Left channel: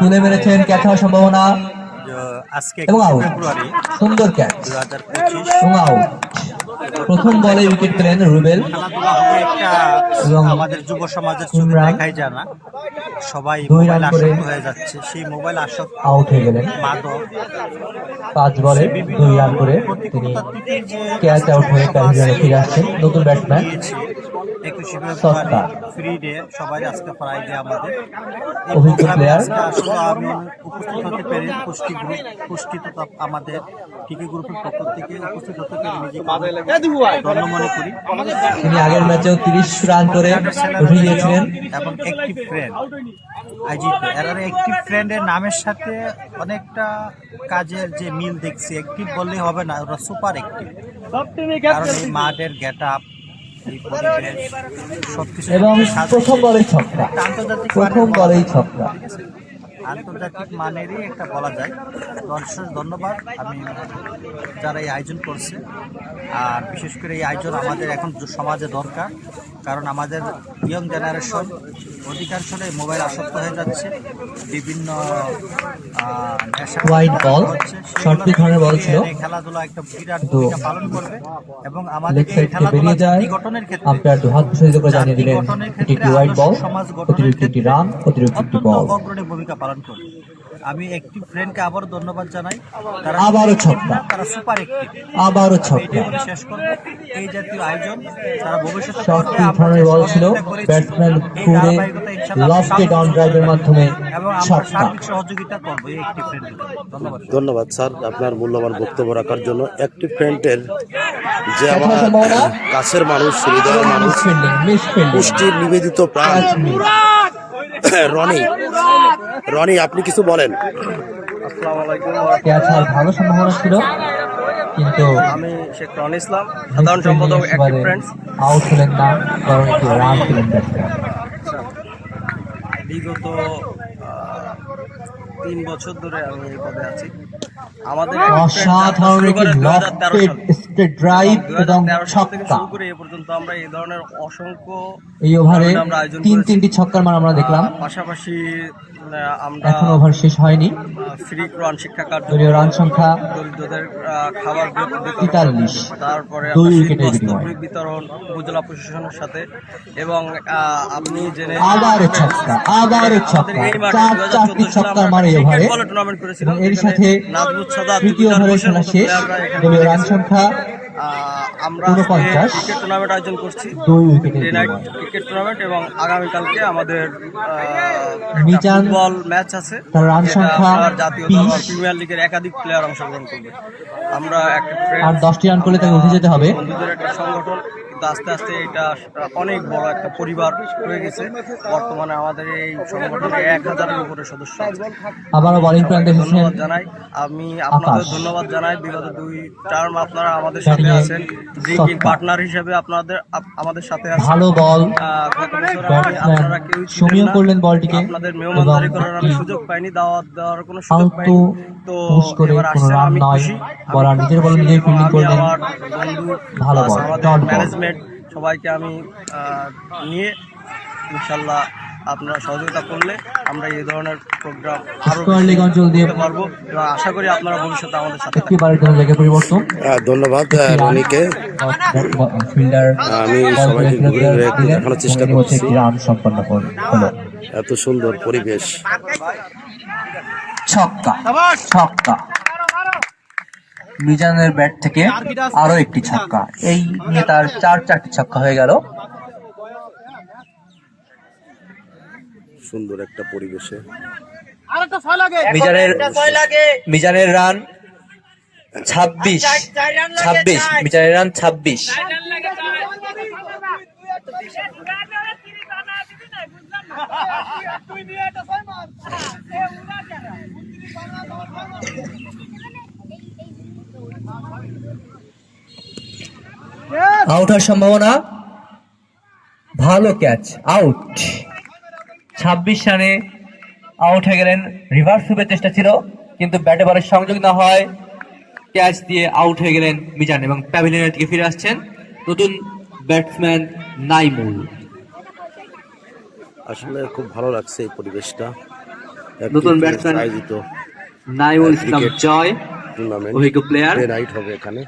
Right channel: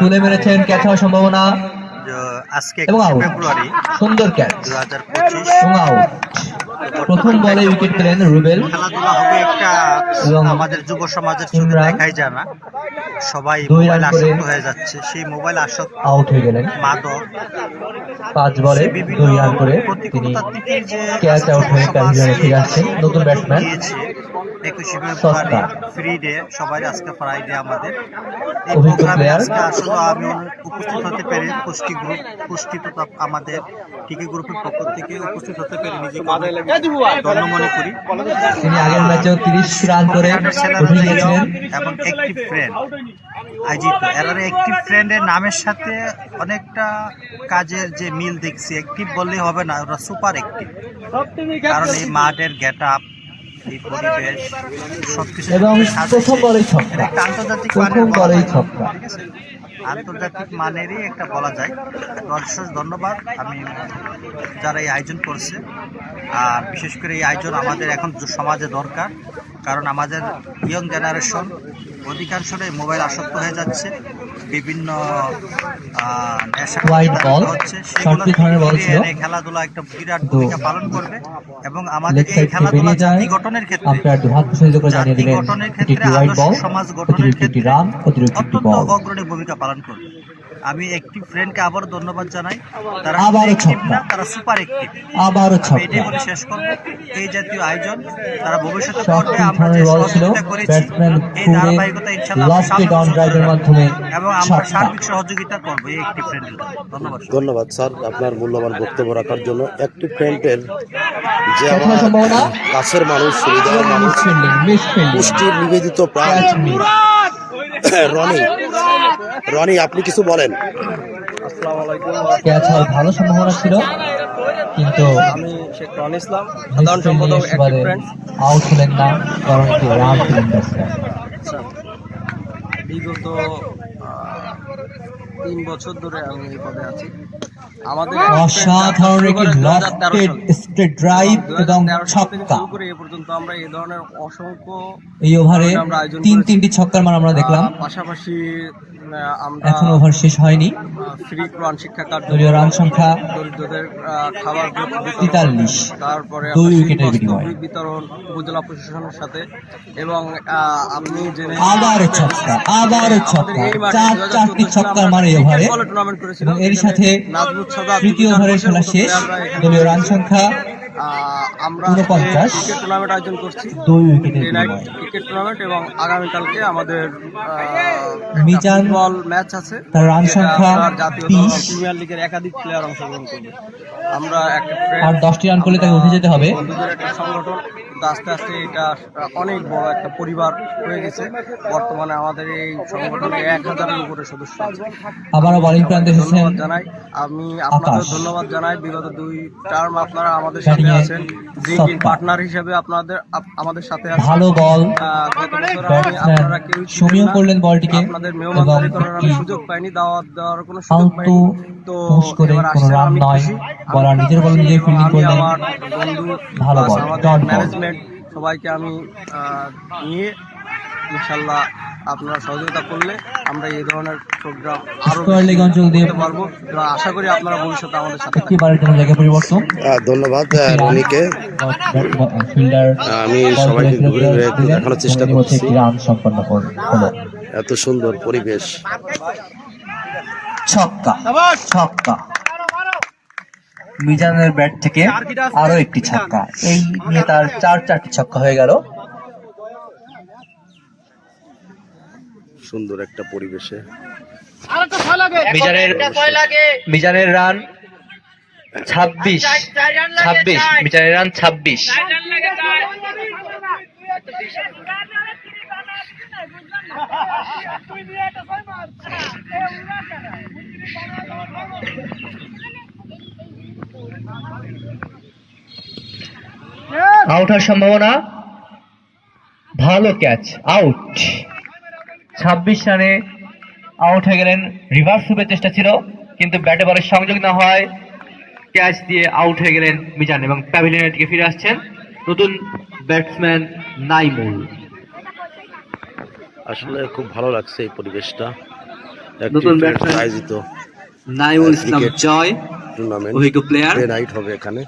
তুলে মেরেছেন ক্যাচ হওয়ার সম্ভাবনা আজকে এবং 21 আউট। ফেব্রুয়ারি সুন্দর ক্যাচ 2025 এবং আউট। প্রথম বলে উইকেট পেলেন রুবেল। খেলাধুলা হবে একটা এবং আমাদের যুব সমাজের চোখে ইমরান দেখাই যায় না, সবাই 2 মোবাইল রান করে আসক্ত হয়ে যাচ্ছে। সেই মোবাইল আসক্ত আউট হয়ে গেলেন। মাদক 5 বলে সে 2 বিভিন্ন রান করে তিনি প্রতিকূলতার দিকে যে ক্যাচ আজকে আউট যুব হয়ে সমাজ প্যাভিলিয়নে ফিরে আসছেন নতুন ব্যাটসম্যান দিয়েছে 21 ফেব্রুয়ারি সস্তা। ফ্রি ডে, সবাই আজকে ফ্রাইডে আমাদের এই অভিজ্ঞ প্রোগ্রামে প্লেয়ার আজকে আসলে আমি উপস্থিত হতে পেরে পুষ্টি তথা আমাদের টিকে গ্রুপের পক্ষ থেকে উপস্থিত হতে পেরে নিজেকে অনেক ধন্য মনে করি। তিনি আগের ম্যাচেও 30 রান করে হকিহাটের ছেলেরা উঠে যে গিয়েছিলেন। এবং অ্যাক্টিভ ফ্রেন্ড আয়োজিত এরারে অ্যাক্টিভ ফ্রেন্ডের নামের সাথে অনেকটা কাজের যে মিল দেখছি। অ্যাক্টিভ বললেই হবে না, ওরা সুপার অ্যাক্টিভ, কারণ এই মাঠের গেট আপ, এই পরিবেশ সবকিছু এবং প্রথম বলেই ছক্কা। এটা একটা আন্তর্জাতিক প্রথম মানের বলা বলেই যায়, ছক্কা। ঠিক আছে, আন্তর্জাতিক মানেরই একটা বলা যায়। অশেষ ধন্যবাদ আমি যারা এই আয়োজন করছে, আর বিশেষ করে এই আয়োজন আমাদের এখন সমাজে দরকার, কারণ আমাদের ইয়ং জেনারেশন অধিকাংশটাই মোবাইল আসক্ত হয়ে যাচ্ছে, বিভিন্ন নেশা হচ্ছে, সেগুলো থেকে ফিরিয়ে এনে খেলাধুলা একটা বিরাট ভূমিকা পালন করবে এবং আমাদের এই খেলাধুলা জাতি গঠনের ক্ষেত্রে আদর্শ সমাজ গঠনের ক্ষেত্রে অত্যন্ত অগ্রণী ভূমিকা পালন করবে। আমি একটি ফ্রেন্ডকে আবারও ধন্যবাদ জানাই, তারা অ্যাক্টিভ না, তারা সুপার অ্যাক্টিভ। আমি এটাই বলে শেষ করব, এই জাতীয় আয়োজন তারা ভবিষ্যতে করবে। আমরা যে সহযোগিতা করেছি এই ধারাবাহিকতা ইনশাআল্লাহ আমরা সামনে বছর ধরে রাখবো এবং আমরা সার্বিক সহযোগিতা করবো এই একটি ফ্রেন্ডের জন্য। ধন্যবাদ স্যার আপনার মূল্যবান বক্তব্য রাখার জন্য। একটি ফ্রেন্ডের যে আমার কাছের মানুষ, হৃদয়ের মানুষ, পুষ্টির নিবেদিত প্রাণ রনি, আপনি কিছু বলেন। আসসালামু আলাইকুম। ভালো সম্ভাবনা ছিল, কিন্তু আমি শেখ রনি ইসলাম, সাধারণ সম্পাদক অ্যাক্টিভ ফ্রেন্ডস। আউট হলেন না, বরং একটি রান পেলেন ব্যাটসম্যান। বিগত 3 বছর ধরে আমি এই পদে আছি। আমাদের অসাধারণ একটি লফটেড স্ট্রেট ড্রাইভ এবং ছক্কা। শুরু করে এ পর্যন্ত আমরা এই ধরনের অসংখ্য এই ওভারে আমরা আয়োজন 3টি ছক্কার মান আমরা দেখলাম। পাশাপাশি আমরা এখন ওভার শেষ হয়নি। ফ্রি কোরআন শিক্ষা কার্যক্রম, দলীয় রান সংখ্যা দরিদ্রদের খাবার 43, তারপরে 2 উইকেটের বিনিময়ে বিতরণ উপজেলা প্রশাসনের সাথে, এবং আপনি জেনে আবারও ছক্কা, চারটি ছক্কার মারে ওভারে। টুর্নামেন্ট করেছিলাম, এর সাথে নাজমুত সাদাত তৃতীয় ওভারের খেলা শেষ। দলীয় রান সংখ্যা আমরা 49, ক্রিকেট টুর্নামেন্ট আয়োজন করছি, 2 উইকেটের ডে নাইট বিনিময়ে। ক্রিকেট টুর্নামেন্ট, এবং আগামীকালকে আমাদের মিজান ফুটবল ম্যাচ আছে। তার রান সংখ্যা জাতীয় 30, দল প্রিমিয়ার লিগের একাধিক প্লেয়ার অংশগ্রহণ করবে। আমরা একটা আর 10টি রান করলে তাকে উঠে যেতে হবে। বন্ধুদের একটা সংগঠন, কিন্তু আস্তে আস্তে এটা অনেক বড় একটা পরিবার হয়ে গেছে। বর্তমানে আমাদের এই সংগঠনে 1000-এর উপরে সদস্য আছে। আবারও বোলিং প্রান্তে ধন্যবাদ জানাই, আমি আপনাদের ধন্যবাদ জানাই। বিগত 2 টার্ম আপনারা আমাদের সাথে আছেন, ড্রিঙ্কিং পার্টনার হিসেবে আমাদের সাথে আছেন। ভালো বল, গত বছর আপনারা কেউ সমীহ করলেন বলটিকে, আপনাদের মেহমানদারি করার আমি সুযোগ পাইনি, দাওয়াত দেওয়ার কোনো সুযোগ পাইনি। তো এবার আসছেন, আমি খুশি। বলার নিজের বল নিজে ফিল্ডিং করলেন, আমার বন্ধু, ভালো বল, আমাদের ম্যানেজমেন্ট সবাইকে আমি নিয়ে ইনশাল্লাহ আপনারা সহযোগিতা করলে আমরা এই ধরনের প্রোগ্রাম আরো করতে পারবো, এবং আশা করি আপনারা ভবিষ্যতে আমাদের সাথে পরিবর্তন। ধন্যবাদ রনিকে। আমি সবাইকে ঘুরে ঘুরে দেখানোর চেষ্টা করছি রান সম্পন্ন হলো। এত সুন্দর পরিবেশ। ছক্কা মিজানের ব্যাট থেকে আরো একটি ছক্কা, এই নিয়ে তার 4টি ছক্কা হয়ে গেল। সুন্দর একটা পরিবেশে মিজানের রান 26, মিজানের রান 26। আউট হওয়ার সম্ভাবনা, ভালো ক্যাচ, আউট। 26 রানে আউট হয়ে গেলেন। রিভার্স সুপের চেষ্টা ছিল, কিন্তু ব্যাটে বলের সংযোগ না হয় ক্যাচ দিয়ে আউট হয়ে গেলেন মিজান, এবং প্যাভিলিয়নের দিকে ফিরে আসছেন নতুন ব্যাটসম্যান নাইমুল। আসলে খুব ভালো লাগছে এই পরিবেশটা। নতুন ব্যাটসম্যান আয়োজিত নাইমুল ইসলাম ক্রিকেট জয় টুর্নামেন্ট অভিজ্ঞ প্লেয়ার। ডে নাইট হবে এখানে।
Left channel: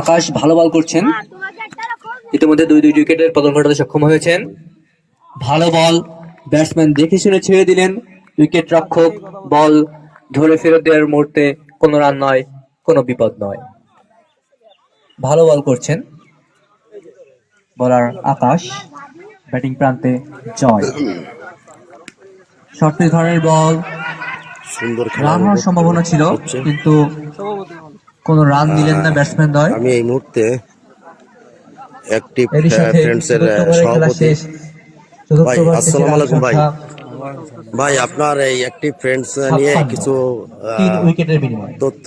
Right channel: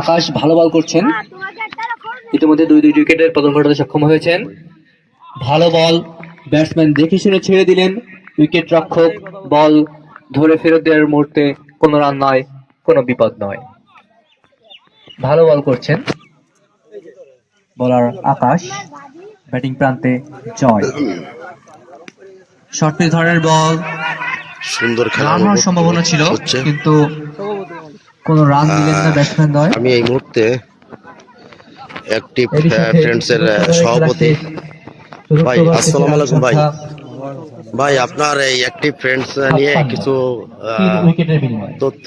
আকাশ ভালো বল করছেন, ইতিমধ্যে দুই উইকেটের পতন ঘটাতে সক্ষম হয়েছেন। ভালো বল, ব্যাটসম্যান দেখে শুনে ছেড়ে দিলেন। উইকেট রক্ষক বল ধরে ফেরত দেওয়ার মুহূর্তে কোনো রান নয়, কোনো বিপদ নয়। ভালো বল করছেন বোলার আকাশ, ব্যাটিং প্রান্তে জয়। শর্ট পিচ ধরনের বল, সুন্দর খেলা রান হওয়ার সম্ভাবনা ছিল হচ্ছে। কিন্তু কোনো রান দিলেন না ব্যাটসম্যান দ্বয়। আমি এই মুহূর্তে অ্যাক্টিভ এরই সাথে ফ্রেন্ডসের খেলা সভাপতি শেষ। চতুর্থ ভাই, ওভার আসসালামু আলাইকুম ভাই। সংখ্যা ভাই, আপনার এই অ্যাক্টিভ ফ্রেন্ডস নিয়ে কিছু 3 উইকেটের বিনিময়ে। তথ্য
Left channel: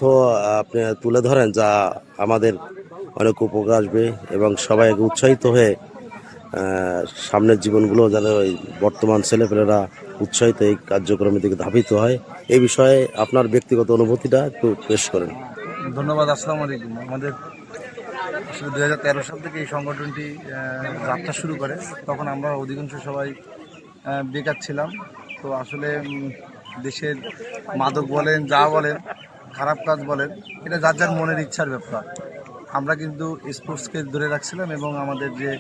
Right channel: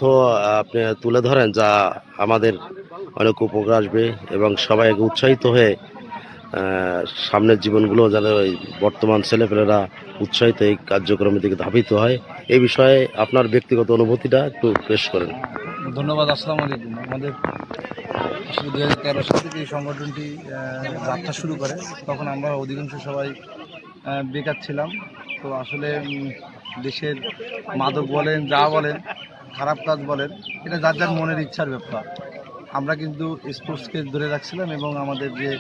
আপনি তুলে ধরেন যা আমাদের অনেক উপকার আসবে এবং সবাই উৎসাহিত হয়ে সামনের জীবনগুলো যেন ওই বর্তমান ছেলেপেলেরা উৎসাহিত এই কার্যক্রমের দিকে ধাবিত হয়, এই বিষয়ে আপনার ব্যক্তিগত অনুভূতিটা একটু পেশ করেন। ধন্যবাদ। আসসালামু আলাইকুম। আমাদের আসলে 2013 সাল থেকে এই সংগঠনটি যাত্রা শুরু করে। তখন আমরা অধিকাংশ সবাই বেকার ছিলাম। তো আসলে দেশের মাদক বলেন, যা বলেন, খারাপ কাজ বলেন, এটা যার যার মনের ইচ্ছার ব্যাপার। আমরা কিন্তু স্পোর্টসকে ধরে রাখছিলাম এবং আমাদের যে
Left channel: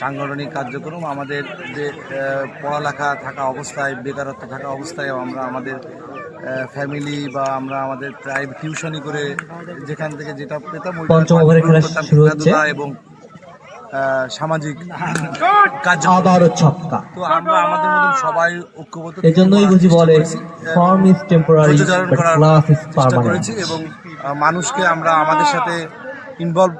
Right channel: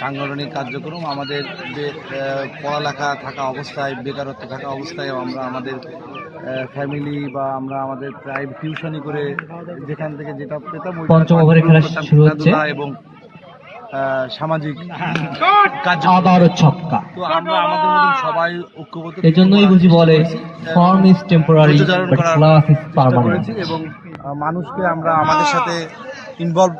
সাংগঠনিক কার্যক্রম, আমাদের যে পড়ালেখা থাকা অবস্থায়, বেকারত্ব থাকা অবস্থায় আমরা আমাদের ফ্যামিলি বা আমরা আমাদের প্রাইভেট টিউশনি করে যেখান থেকে যেটা পেতাম ওইটা পঞ্চম ওভারে খেলা করতাম, শুরু হচ্ছে। খেলাধুলা এবং সামাজিক কার্যক্রম। আবারও ছক্কা। তো আমরা আমাদের মতন সবাই ঐক্যবদ্ধ এই জন্যই করার বুঝি চেষ্টা বলে করেছি, ফর্ম ইজ টেম্পোরারি ধৈর্য ধারণ বাট করার ক্লাস ইজ চেষ্টা পার্মানেন্ট। করেছি এবং মানুষকে আমরা আমাদের সাথে ইনভলভ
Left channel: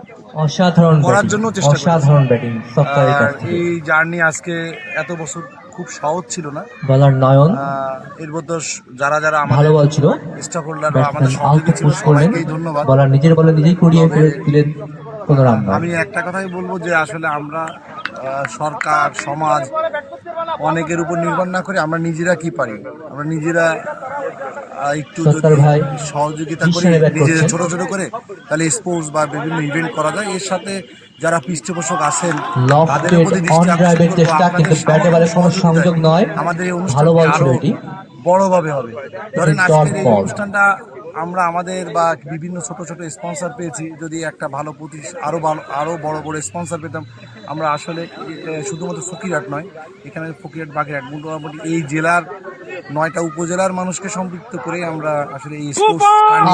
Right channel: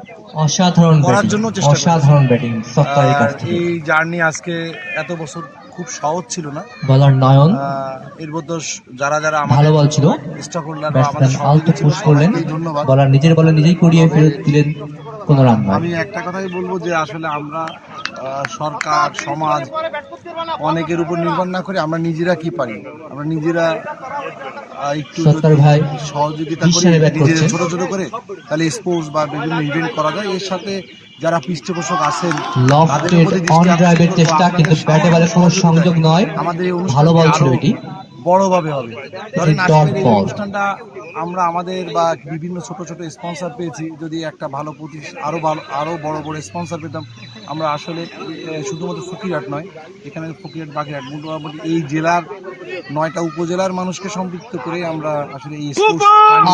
অসাধারণ করার ব্যাটিং, জন্য চেষ্টা করেছি। অসাধারণ ব্যাটিং সত্তারের কাছ থেকে। এই জার্নি আজকে এত বছর খুব সহজ ছিল না। বলার নয়ন এর মধ্যে যারা যারা ভালো আমাদের বল ছিল, স্টক হোল্ডার বা আমাদের ব্যাটসম্যান আউট সহযোগী ছিল পুশ করলেন, সবাইকেই ধন্যবাদ। বলার নিজের বলে নিজেই কুড়িয়ে ফেরত দিলেন, কোনো রান নয়। আমি একটা কথাই বলবো যে আসলে আমরা সরকার, সমাজ অনেকের উপর নির্ভর না করে আমরা নিজেরা কি পারি, আমরা নিজেরা একটু সত্তর যদি ভাই সহযোগিতা করি জিসানে ব্যাট নিজেদের করছেন। ছোট ছোট করে, তাহলে স্পোর্টস বা বিভিন্ন ইভেন্ট করা যায়। এর সাথে যারা পৃষ্ঠপোষক আছেন তাদের লফটেড প্রতি অন দৃষ্টি আকর্ষণ ড্রাইভের করবো, চেষ্টা, আপনাদের কিন্তু ব্যাটে বলে কোনো সহযোগিতায় সংযোগ নয়। আমাদের এই ভালো অনুষ্ঠানটি বল ছিল আরো এটি। বড়ভাবে হবে। ধরেন ডট আজকের এই বল। অনুষ্ঠানটা আমরা আমাদের বা বিভিন্ন ছোট ছোট স্পন্সর পেয়েছি, যদি একটা ভালো আরো বড় বড় স্পন্সর পেতাম, আমরা আসলে শুধুমাত্র ফকিরহাট নয়, এখানে ফকিরহাট, বাগেরহাট, মোটামুটি এই জেলার 9টা উপজেলার মানুষকে সম্পৃক্ত করে আমরা আসলে এই স্পোর্টস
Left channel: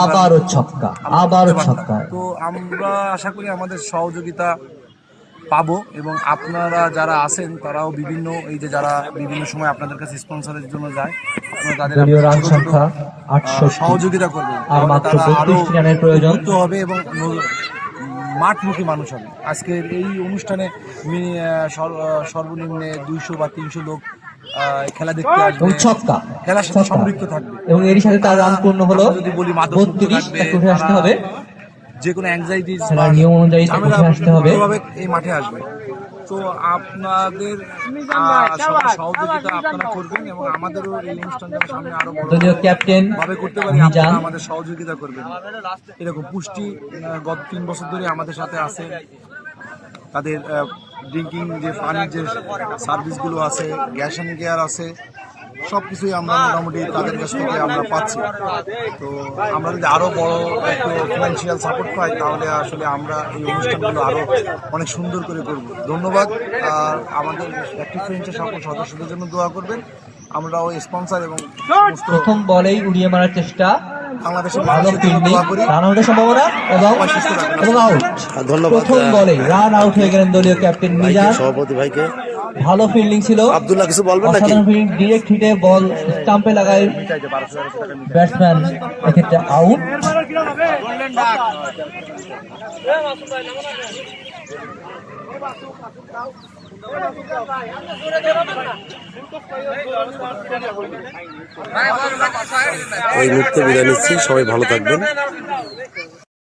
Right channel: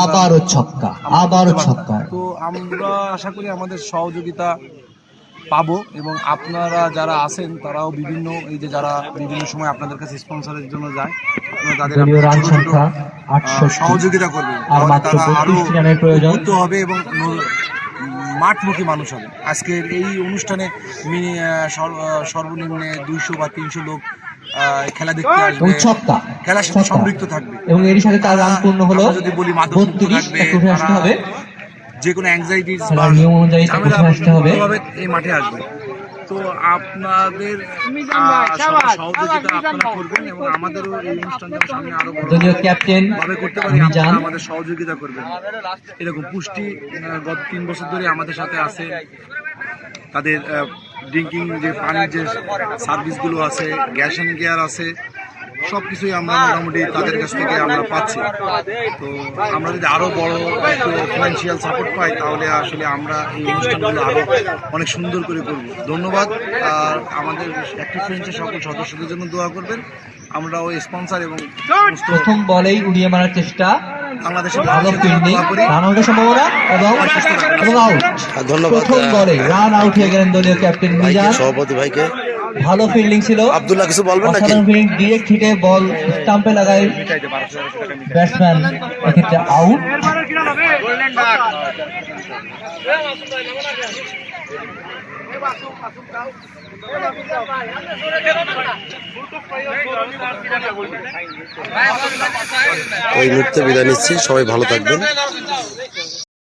আবারও ছক্কা, আবারও ছক্কা। তো আমরা আশা করি আমাদের সহযোগিতা পাবো এবং আপনারা যারা আছেন তারাও বিভিন্ন এই যে যারা বিভিন্ন সময় আপনাদের কাছে স্পন্সরের জন্য যায়, আপনারা তাদের দলীয় রান ছোট ছোট, সংখ্যা 68। সহযোগিতা করবেন, আর তাহলে মাত্র তারা আরো 32 রানের প্রয়োজন। উদ্বুদ্ধ হবে এবং মাঠমুখী মানুষ হবে। আজকের এই অনুষ্ঠানে সর্বনিম্নে 200 বা 300 লোক খেলা দেখতে আসবে, ওই ছক্কা, খেলার সাথে ছক্কা। সম্পৃক্ত থাকবে এবং এরই সাথে তার রান পূর্ণ হলো আমরা যদি বলি মাদক মুক্ত 32, থাকবে, একটু উঠে আসতে তারা হবে। যে কোনো অ্যাংজাইটিস বা খেলার নিয়ম অনুযায়ী তাকে ঝামেলা উঠে আসতে হবে। মুক্তভাবে এই মাঠে আসবে। তো আপনাদের সবার সহযোগিতা আপনারা করবেন এবং আমাদেরও এই অনুষ্ঠানটা সামনে আরো বড় দলীয় ক্যাপ্টেন ভাবে করতে পারি, মিজান আপনারা আমাদের সহযোগিতা করবেন। এরকম পুষ্টি গত 3 বছর ধরে আমাদের সাথে আছে, তাদের ড্রিঙ্কিং যে পানির যে সার্ভিসগুলো আছে, গ্যাস অ্যান্ড গিয়ার আছে, সব কিছুই আমরা মোটামুটি তাদের কাছ থেকে আমরা পাচ্ছি। তো আমরা যদি আরও বড় একটু ফিনান্সিয়াল সাপোর্ট পাই তাহলে আসলে আমরা এই অনুষ্ঠানগুলো আরও অনেক সুন্দর করে করব। ধন্যবাদ। আর আমাদের অ্যাক্টিভ ফ্রেন্ডসের সকল সদস্যদের জন্য দোয়া করবেন। আমরাও স্পন্সর এবং সমস্ত প্রথম বলেই উড়িয়ে মারার চেষ্টা, বাংলাদেশের ভালো মানুষের জন্য ফিল্ডিং, দোয়া করি। রান আউটের সম্ভাবনা এবং আউট। ধন্যবাদ প্রথম বলে রান আউট হয়ে গেলেন দলীয় ক্যাপ্টেন ভাইকে, মিজান। সভাপতি ভাইকে। ভালো ফিল্ডিং ছিল। আব্দুল্লাহ কিছু বলবেন নাকি? ডিরেক্ট হিটে বল স্টাম্পে লাগায় ব্যাটসম্যান, এক্ষেত্রে আউট। এই মুহূর্তে বিদায় নিচ্ছি, সবাই ভালো থাকবেন।